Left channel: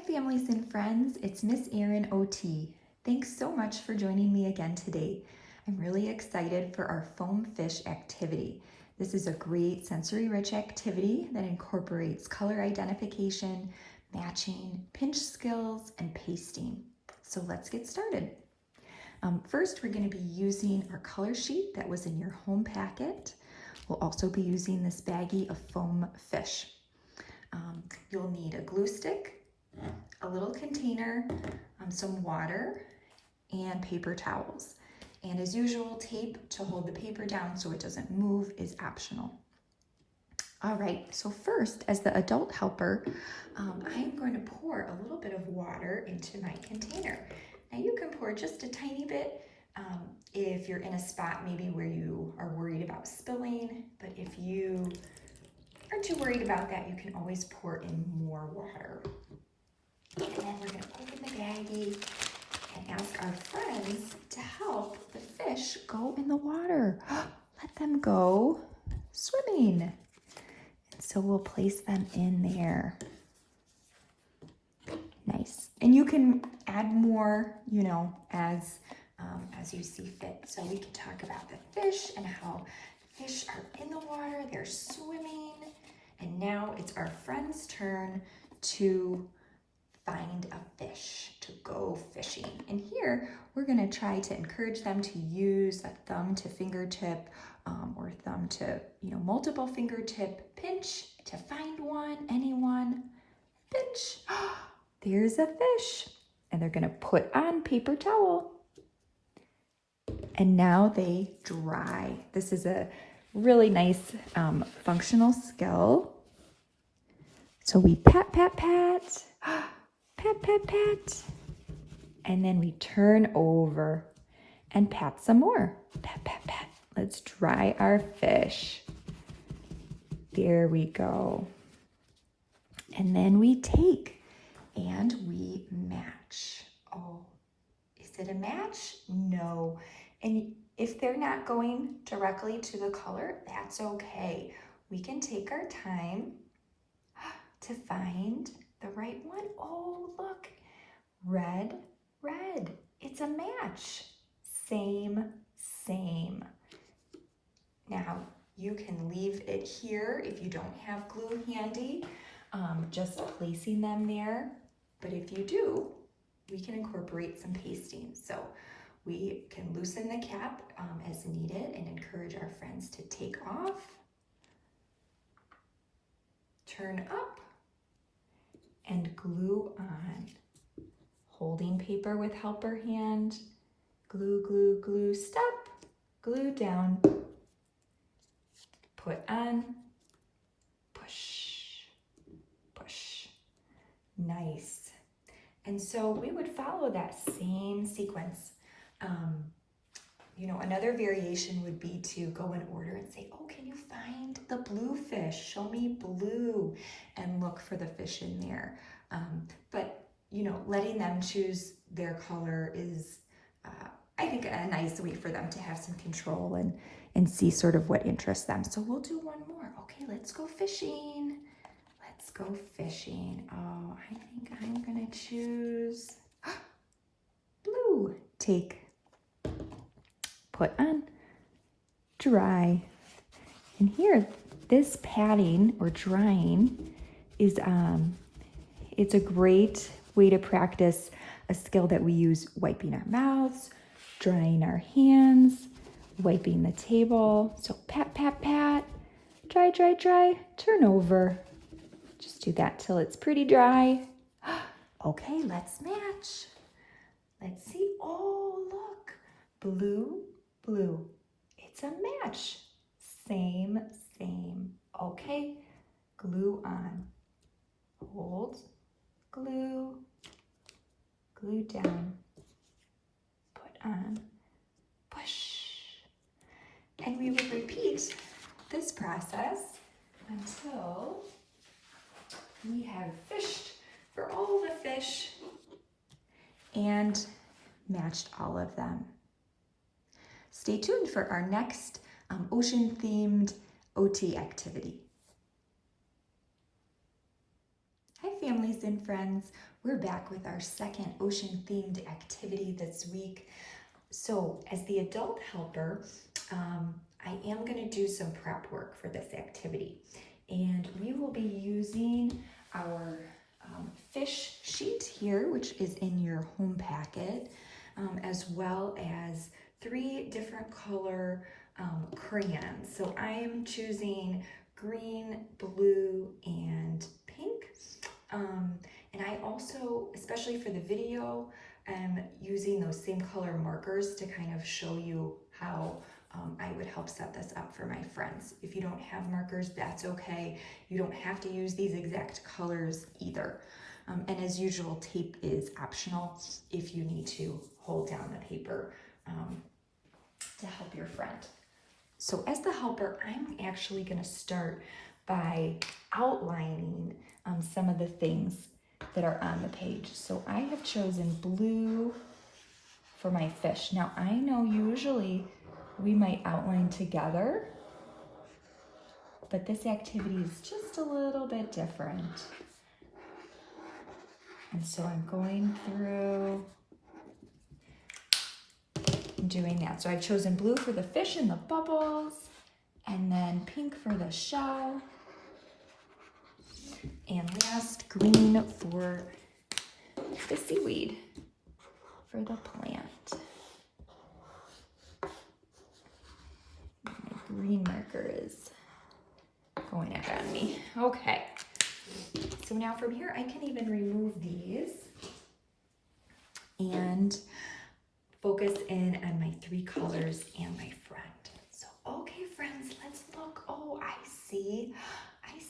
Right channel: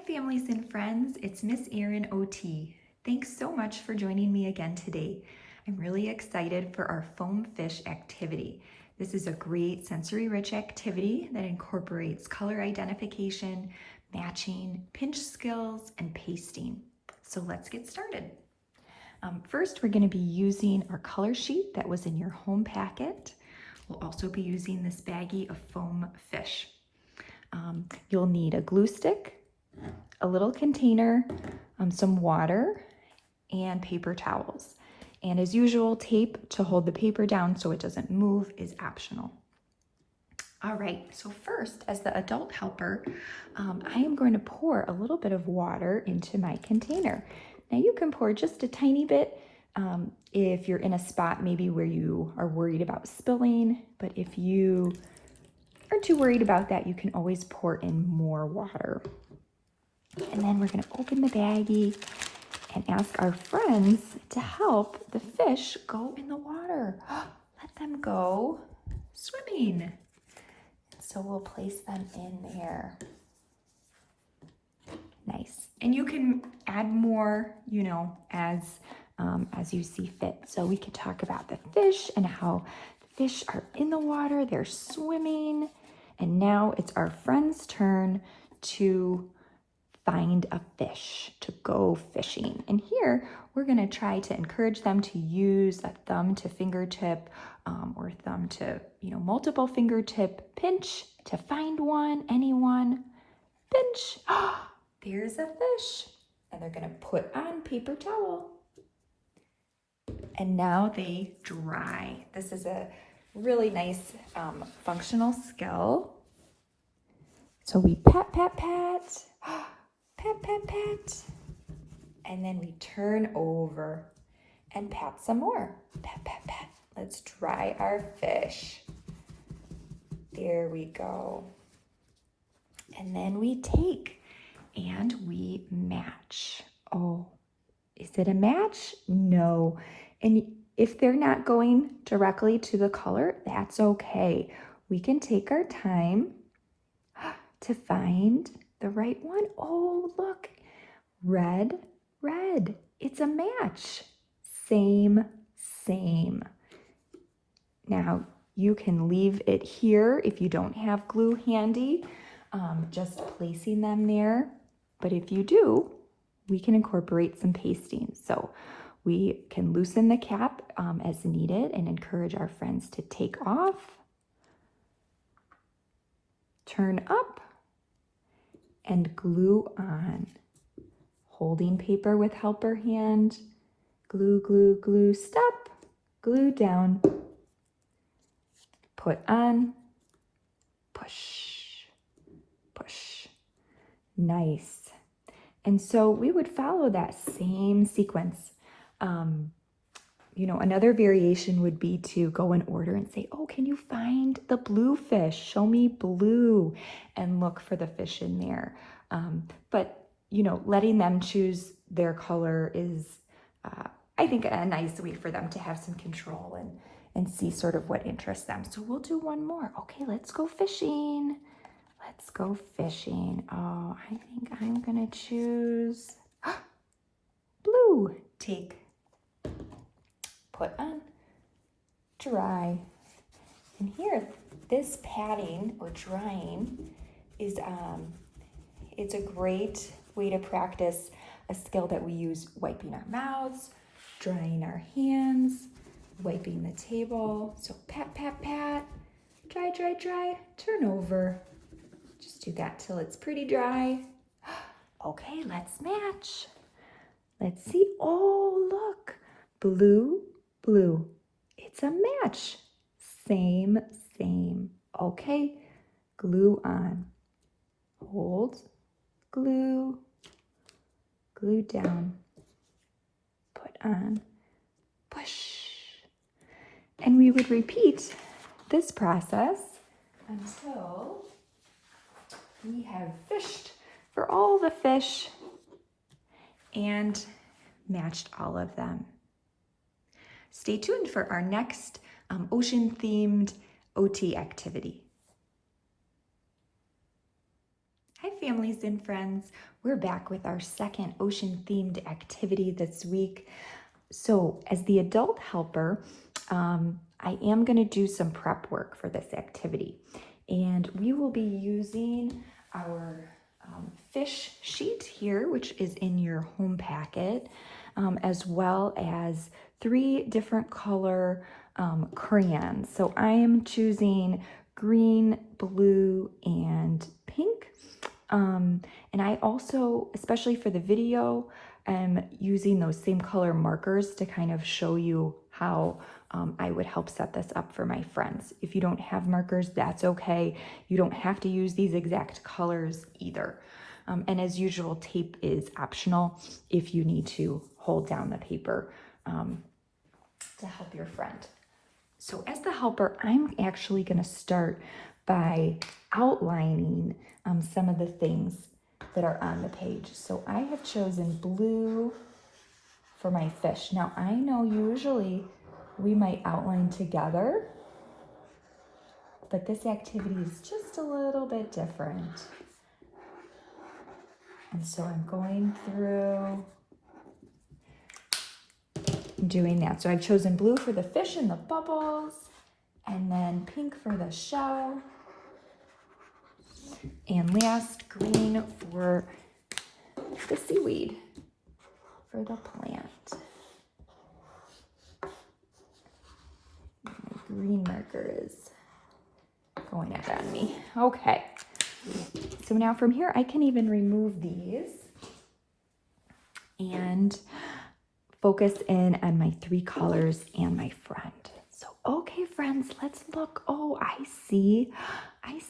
Hi families and friends, it's Miss Erin OT. Thanks so much for joining me again today. I'm really excited for our foam fish activity. This is a great sensory-rich activity that incorporates color identification, matching, pinch skills, and pasting. So let's get started. First, we're going to be using our color sheet that was in your home packet. We'll also be using this baggie of foam fish. You'll need a glue stick, a little container, some water, and paper towels. And as usual, tape to hold the paper down so it doesn't move is optional. All right, so first, as the adult helper, I am going to pour a little bit of water into my container. Now you can pour just a tiny bit if you're in a spot maybe where you are worried about spilling, but if you aren't too worried about that, you can always pour in more water. And then we're going to open the baggie and ask our friends to help the fish go in the water. Let them go swimming. And so we'll place them in there. Nice. And you can add more, as you see fit. So we could talk about the fish and how fish are in the water, they're swimming. And now it's our friend's turn to find a fish, to go fishing. And here we're going to try to encourage them to use that thumb to fingertip or thumb to multiple fingertip pinch to find one, anyone, pinch. There's a fish. And they're going to put on paper towel. And now they dry. This is a really nice functional skill. So we pat, pat, pat. Pat, pat, pat. And then we turn over and pat some more. Pat, pat, pat. Let's dry our fish. There we go. And then we take and we match. Oh, is it a match? No. And if they're not going directly to the color, that's okay. We can take our time to find the right one. Oh, look, red, red. It's a match. Same, same. Now, you can leave it here if you don't have glue handy, just placing them there. But if you do, we can incorporate some pasting. So we can loosen the cap as needed and encourage our friends to take off, turn up, and glue on. Holding paper with helper hand, glue, glue, glue, stop, glue down, put on, push, push. Nice. And so we would follow that same sequence. Another variation would be to go in order and say, oh, can you find the blue fish? Show me blue, and look for the fish in there. But letting them choose their color is, I think, a nice way for them to have some control and see sort of what interests them. So we'll do one more. Okay, let's go fishing. Let's go fishing. Oh, I think I'm gonna choose blue. Take, put on, dry. And here, this patting or drying is, it's a great way to practice a skill that we use wiping our mouths, drying our hands, wiping the table. So pat, pat, pat, dry, dry, dry, turn over. Just do that till it's pretty dry. Okay, let's match. Let's see. Oh, look, blue, blue. It's a match. Same, same. Okay, glue on. Hold, glue, glue down, put on, push. And we would repeat this process until we have fished for all the fish and matched all of them. Stay tuned for our next ocean-themed OT activity. Hi, families and friends. We're back with our second ocean-themed activity this week. So as the adult helper, I am going to do some prep work for this activity. And we will be using our fish sheet here, which is in your home packet, as well as 3 different color crayons. So I am choosing green, blue, and pink. And I also, especially for the video, am using those same color markers to kind of show you how I would help set this up for my friends. If you don't have markers, that's okay. You don't have to use these exact colors either. And as usual, tape is optional if you need to hold down the paper to help your friend. So as the helper, I'm actually going to start by outlining some of the things that are on the page. So I have chosen blue for my fish. Now I know usually we might outline together, but this activity is just a little bit different. And so I'm going through doing that. So I've chosen blue for the fish and the bubbles, and then pink for the shell, and last green for the seaweed, for the plant. My green marker is going up on me. Okay, so now from here I can even remove these and focus in on my 3 colors and my friend. So, okay, friends, let's look. Oh, I see a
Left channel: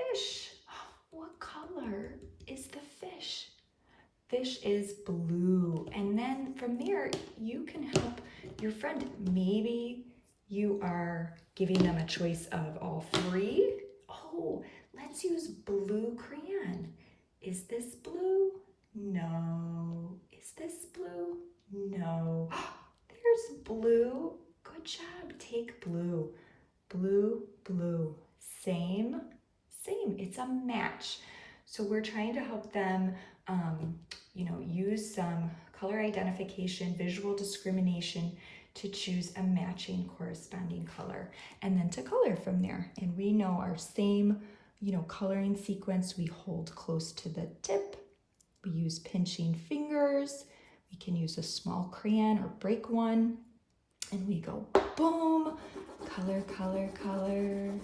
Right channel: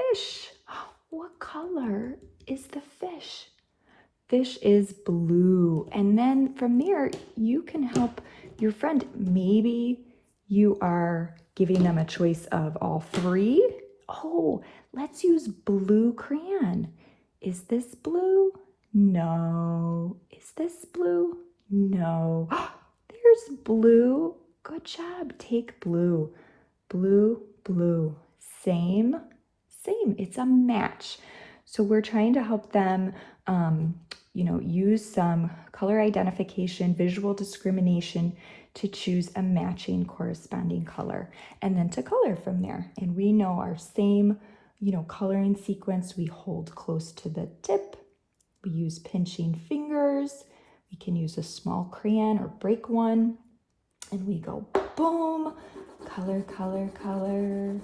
fish. What color is the fish? Fish is blue. And then from there, you can help your friend. Maybe you are giving them a choice of all 3. Oh, let's use blue crayon. Is this blue? No. Is this blue? No. There's blue. Good job. Take blue. Blue, blue. Same. It's a match. So we're trying to help them, use some color identification, visual discrimination to choose a matching corresponding color, and then to color from there. And we know our same, coloring sequence. We hold close to the tip. We use pinching fingers. We can use a small crayon or break one. And we go boom, color, color, color,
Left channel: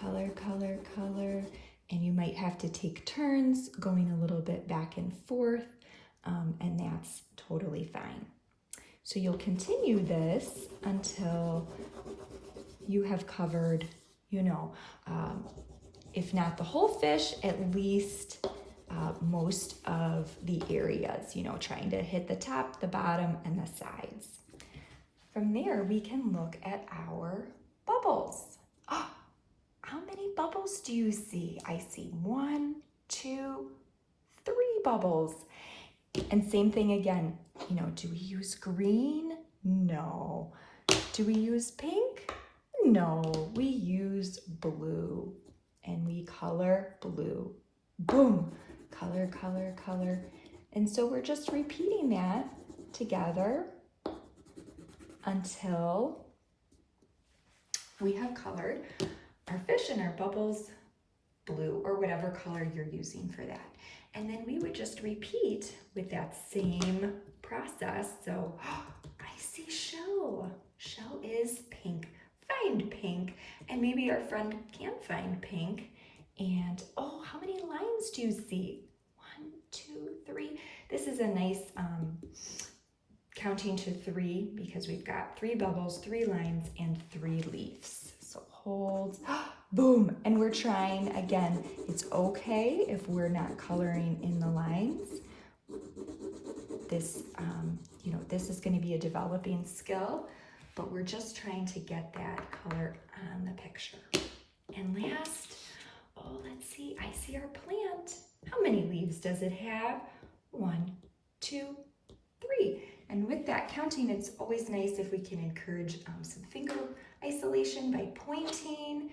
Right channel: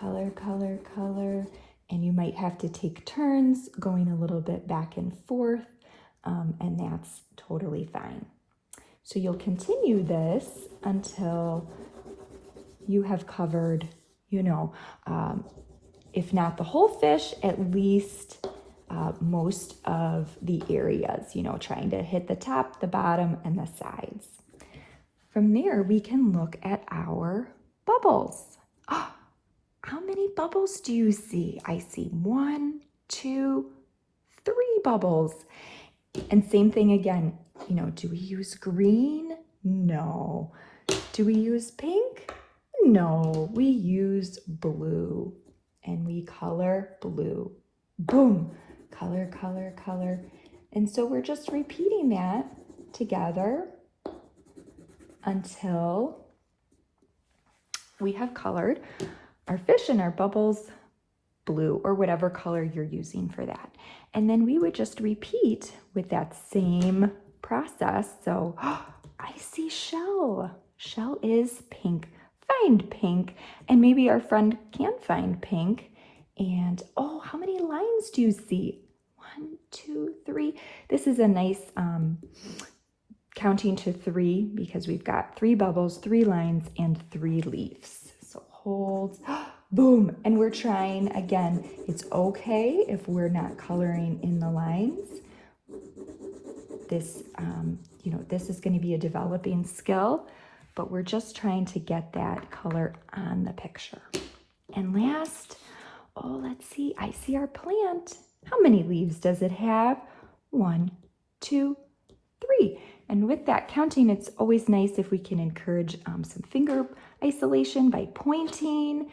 color, color, color. And you might have to take turns going a little bit back and forth, and that's totally fine. So you'll continue this until you have covered, if not the whole fish, at least most of the areas, trying to hit the top, the bottom, and the sides. From there, we can look at our bubbles. How many bubbles do you see? I see 1, 2, 3 bubbles. And same thing again, do we use green? No. Do we use pink? No, we use blue. And we color blue. Boom, color, color, color. And so we're just repeating that together until we have colored our fish and our bubbles blue, or whatever color you're using for that. And then we would just repeat with that same process. So I see shell. Shell is pink. Find pink. And maybe our friend can find pink. And how many lines do you see? 1, 2, 3. This is a nice counting to 3 because we've got 3 bubbles, 3 lines, and 3 leaves. So hold, boom. And we're trying again. It's okay if we're not coloring in the lines. This, this is going to be a developing skill, but we're just trying to get that color on the picture. And last, let's see. I see our plant. How many leaves does it have? 1, 2, 3. And with that counting, it's always nice if we can encourage some finger isolation by pointing.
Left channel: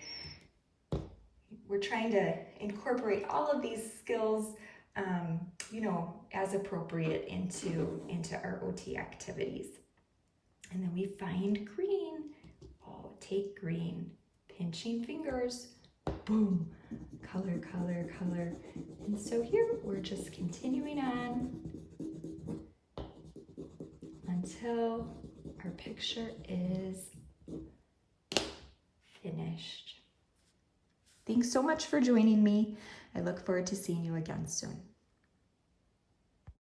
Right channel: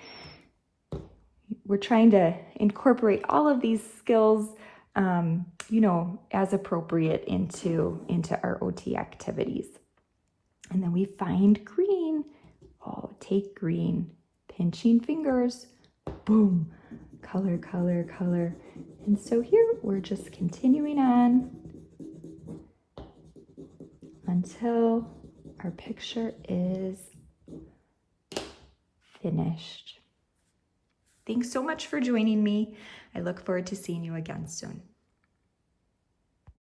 we're trying to incorporate all of these skills, you know, as appropriate into our OT activities. And then we find green. Oh, take green. Pinching fingers. Boom. Color, color, color. And so here we're just continuing on until our picture is finished. Thanks so much for joining me. I look forward to seeing you again soon.